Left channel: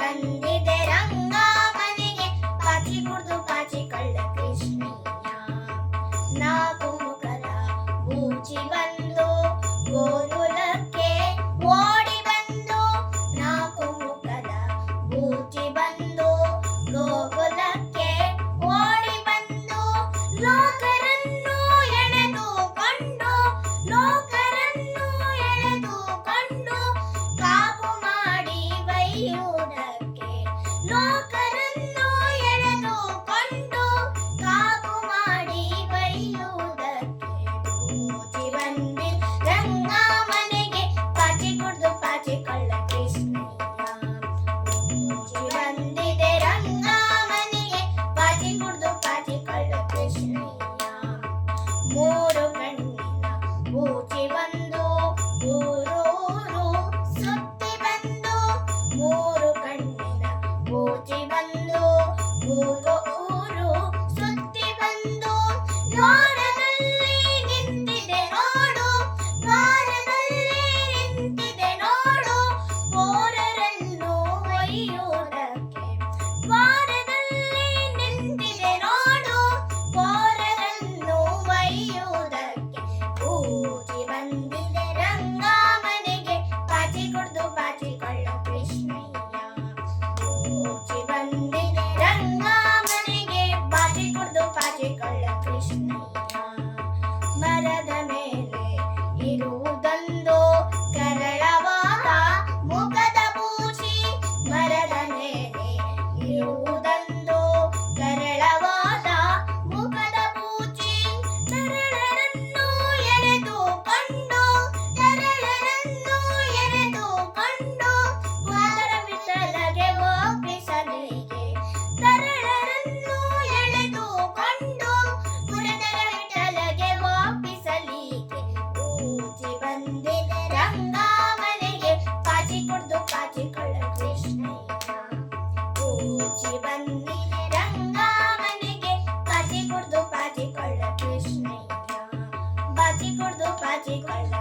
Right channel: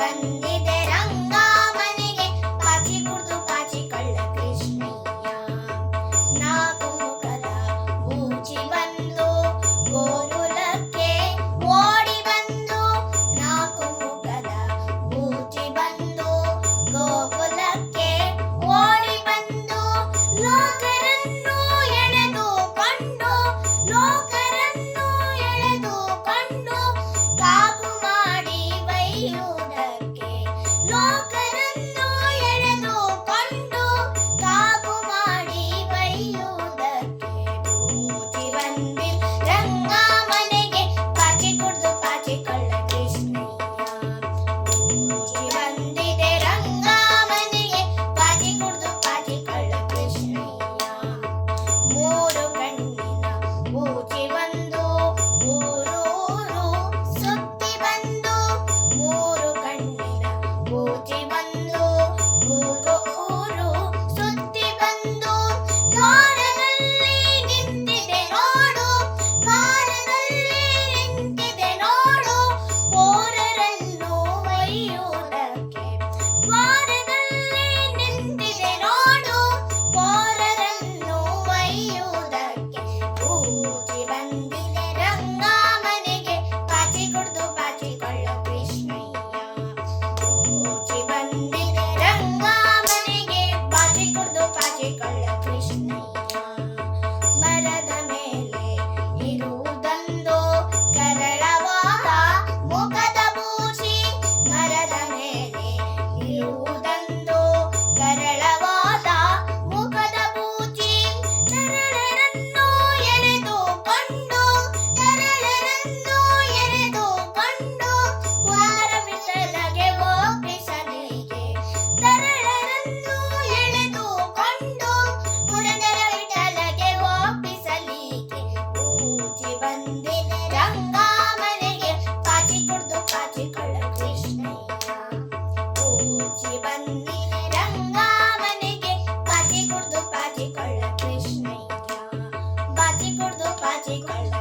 ಬಂದಿದೆ ರಂಗ ಮನೆಗೆ. ಕಾಚಿ ಕುಡ್ದು ಕಾಚಿ ಕಳ್ಳ ಕೃಷ್ಣಯ್ಯ. ನಾಲ್ಕು ಮುಖದ ಬಂದು ಗೋಕುಲಕ್ಕೆ ಓಡಿ ಬಂದು ನಾಲ್ಕು ಮುಖದ Booty, ಬಂದೆ ಕುಡ್ದು ಕೃಷ್ಣಯ್ಯ. ಮರದ ಮೇಲೆ ಇರುವುದೊಂದು ಕರಳವಾದ ಮುಖದ ಪೂಜಿ ಮರದ ಮೇಲೆ ಮುಚ್ಚಿ ಬನ್ನಿ ರಂಗ ಮನೆಗೆ ಬಾಜಿ ಕೊಳ್ಳ ಕೃಷ್ಣಯ್ಯ ಬಾಜಿ ಕುಡ್ದು ಬಾಜಿ ಕೊಳ್ಳ